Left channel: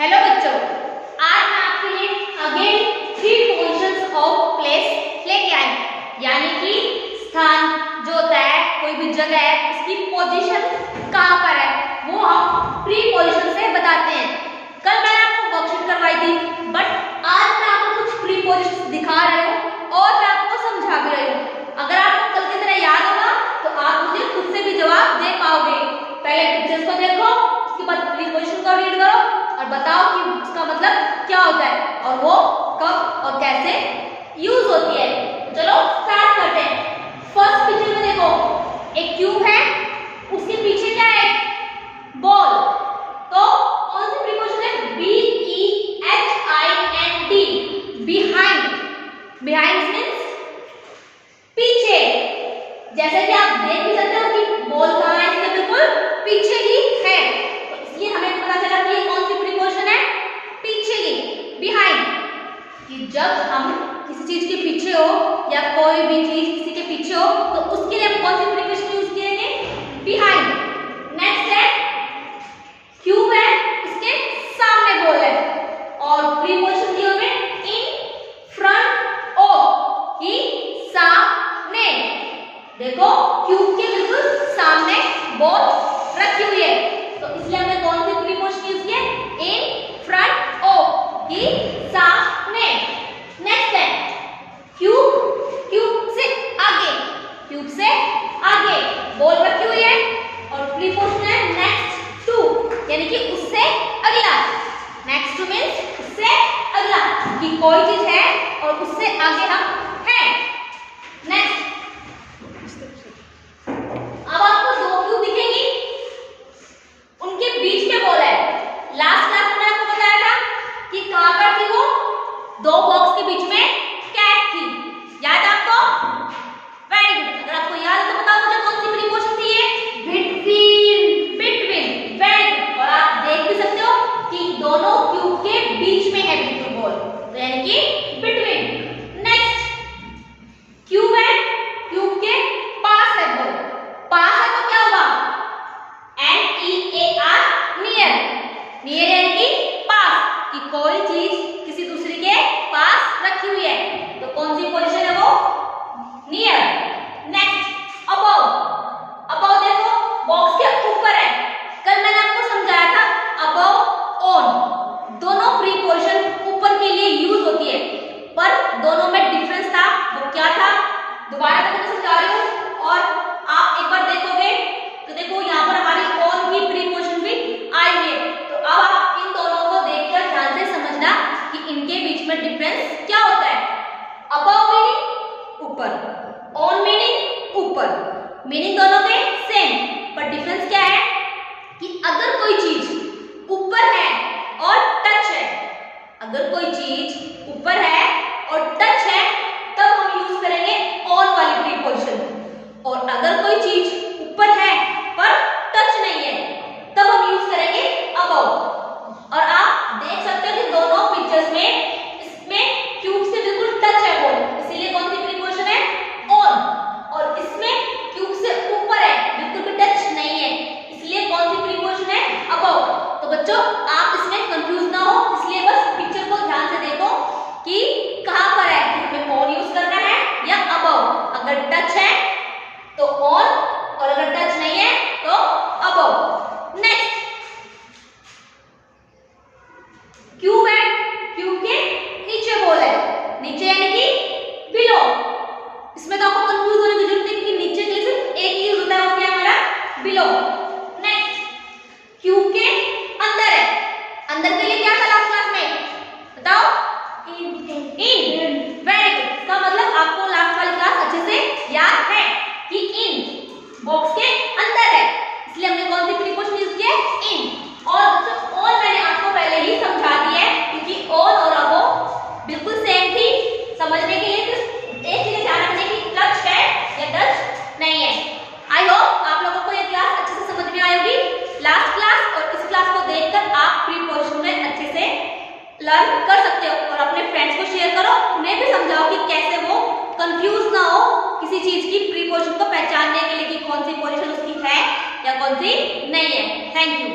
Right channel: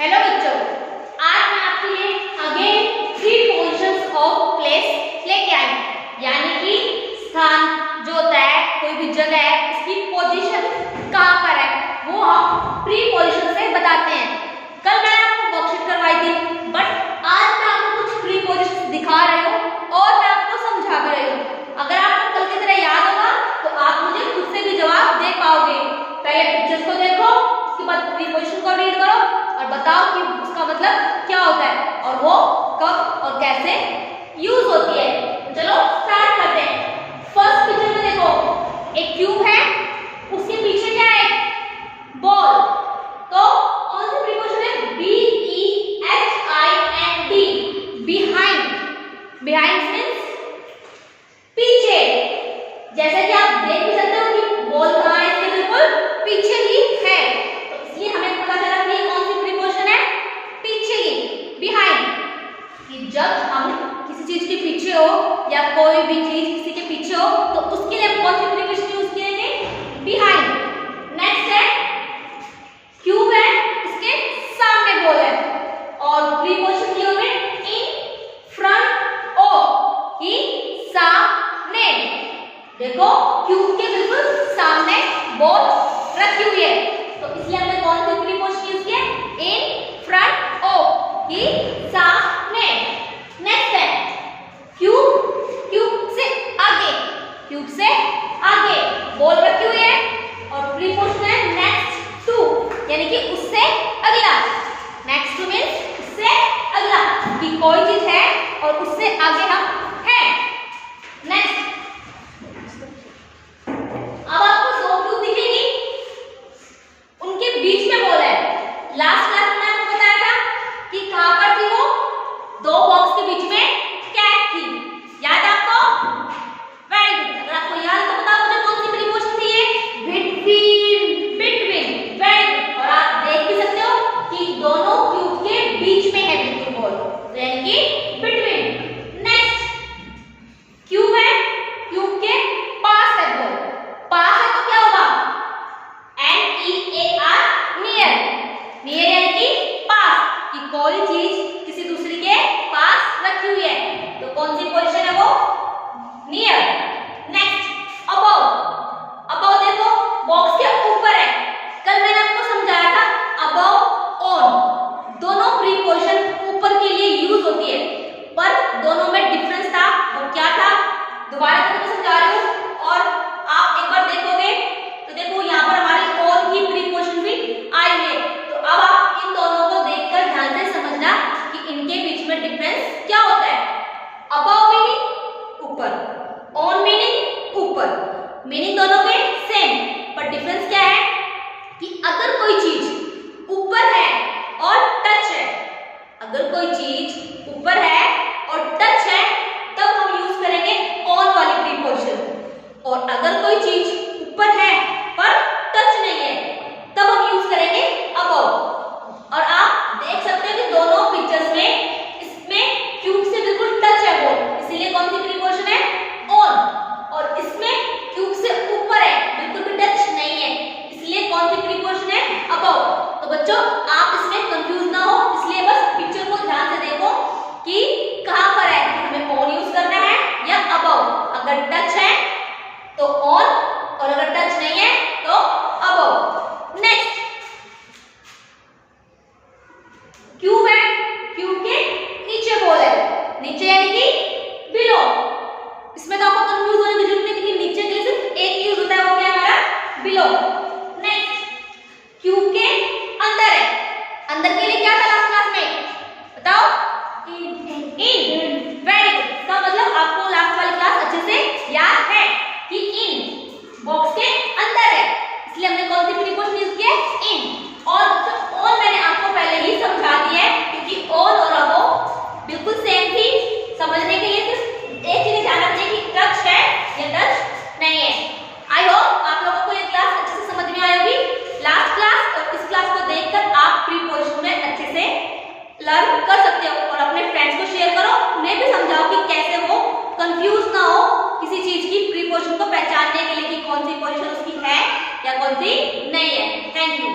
Hello बच्चों, आज मैं आपके लिए अगेन 3 पोजीशंस ऑफ प्लेस लेके आई, यानी कि स्थान जो होता है, कोई भी जगह है, उसकी पोजीशन कहाँ पर है वो हम प्री पोजीशन से बताते हैं। कल मैंने आपको वर्कशीट करवाई थी, बट आज मैं आपको कुछ प्री पोजीशन दिखा रही हूँ और मैं आपको समझा भी रही हूँ। अगर आपको कल की तरह याद होगा तो आप मुझे खुद से भी जवाब दे पाओगे। पहले पिक्चर्स को देखो, उसके बाद प्री पोजीशन को रीड करो और बताओ कि उसका मतलब क्या होता है और वो कब और कैसे यूज होती है। चलो स्टार्ट करते हैं। फर्स्ट पिक्चर में देखो, एक क्यूब है, उसके पीछे क्या है? बॉल। तो कौन सी प्रीपोजिशन है? BEHIND, behind. बिहाइंड मींस पीछे। जैसे कि आप देख भी सकते हो कि बॉल कहाँ है, इसके बिल्कुल पीछे ही है, तो इसलिए हमें पता चला कि ये कौन सी प्रीपोजिशन है? पीछे की, बिहाइंड। कि जब हम किसी चीज के पीछे हो या कोई भी चीज किसी के पीछे हो तो उसके लिए हम कौन सी प्रीपोजिशन यूज करेंगे? बिहाइंड। नेक्स्ट है क्यूब है, इसके सामने बॉल है और प्रीपोजिशन दी होगी इन फ्रंट ऑफ, कि सामने। देखो क्यूब के बिल्कुल सामने बॉल रखी हुई है, तो इसलिए हमने कौन सी प्रीपोजिशन यूज की है? इन फ्रंट ऑफ, कि सामने। नेक्स्ट है क्यूब, क्यूब से आगे, क्यूब से आगे बॉल रखी हुई है और प्रीपोजिशन है नेक्स्ट टू, यानी कि उससे अगला। नेक्स्ट टू मींस उससे अगला, कि कोई चीज है और उससे आगे हम हैं। नेक्स्ट, अब आपको दो क्यूब दिखेंगी, उनके बीच में बॉल है। लास्ट क्लास में आपको बताया था कि कहां पर थी वो? दो बॉक्स के बीच में कैट थी, याद आपको? Very good. अगर आपको याद है तो बताओ मुझे कौन सी प्रीपोजिशन थी ये? Between, between. Very good. और आप देख भी सकते हो कि दोनों क्यूब के बीच में है बिल्कुल बॉल, तो यानी कि बिटवीन। नेक्स्ट क्यूब है, क्यूब के पास है बॉल। पास है तो क्या होगा? NEAR, near. नियर यानी कि पास, कि कोई चीज किसी दूसरे के पास रखी हुई है, तो कौन सी पोजीशन है वो? नियर। Next above. अबव देखो बॉक्स के ऊपर है। कल मैंने आपको समझाया था अबव, ऑन, दोनों प्रीपोजिशन ऊपर के लिए यूज होती है, पर दोनों में डिफरेंस था। वो क्या था? दोबारा मैं तुमको समझा रही हूँ और आप एक बार देखोगे तो देखो यहाँ पर हमारी ऑन की प्रीपोजिशन भी आई है। तो अब आप इन दोनों को देखकर ध्यान से समझना कि इनके बीच में डिफरेंस क्या होता है। अबव मीनिंग ऊपर, ऑन मीनिंग ऊपर, मीनिंग दोनों में सेम, पर डिफरेंस क्या है कि अगर कोई चीज ऊपर है और टच है, अगर कोई चीज ऊपर है और टच है तब हम यूज करेंगे ऑन वाली प्रीपोजिशन, और अगर कोई चीज ऊपर है पर टच नहीं है तब हम यूज करेंगे अबव। और आप देख सकते हो कि दोनों पिक्चर्स में इसमें क्यूब से बिल्कुल टच है बॉल, इसीलिए कौन सी प्रीपोजिशन है? ऑन। और इसमें क्यूब से ऊपर है, बिल्कुल भी टच नहीं है, इसलिए कौन सी प्रीपोजिशन है? अबव। तो बच्चों आप इसमें कंफ्यूज ना हो, इसलिए बस पिक्चर को ध्यान से देखो कि कहां पर है कि हमें ऑन यूज करना है या अबव। अगर टच है तो ऑन और अगर टच नहीं है तो अबव। नेक्स्ट क्यूब है, क्यूब के नीचे बॉल है, नीचे यानी कि बिलो। इसमें तो आपको कंफ्यूज होने की जरूरत नहीं, क्योंकि नीचे के लिए सिर्फ एक यूज होता है, वो क्या है हमारा? बिलो। नेक्स्ट क्यूब के अंदर है, अंदर के लिए क्या था लास्ट क्लास में? बताओ। इन। Very good. इसका मतलब आपको लास्ट वाली क्लास अच्छे से याद है कि इन बॉक्स के अंदर है, इसलिए हमने कौन सी प्रीपोजिशन यूज की है? इन। और ऑन मैंने आपको पहले ही समझा दिया है, क्योंकि ऑन और अबव बिल्कुल सेम थी। समझने के लिए सिर्फ एक चीज ध्यान रखने की, टच है या टच नहीं है। आई होप आप लोगों को ये क्लास अच्छे से समझ में आई होगी। लास्ट क्लास और इस क्लास को देखकर आप प्रीपोजिशन में अच्छे से लर्न कर सकते हो और अपने फ्रेंड्स को शेयर करो, उन्हें भी समझाओ कि कैसे वो कंफ्यूज ना हो किसी चीज की प्रीपोजिशन को पहचानने के लिए कि कौन सी पोजीशन उसकी है या कौन सी नहीं है। Thank you.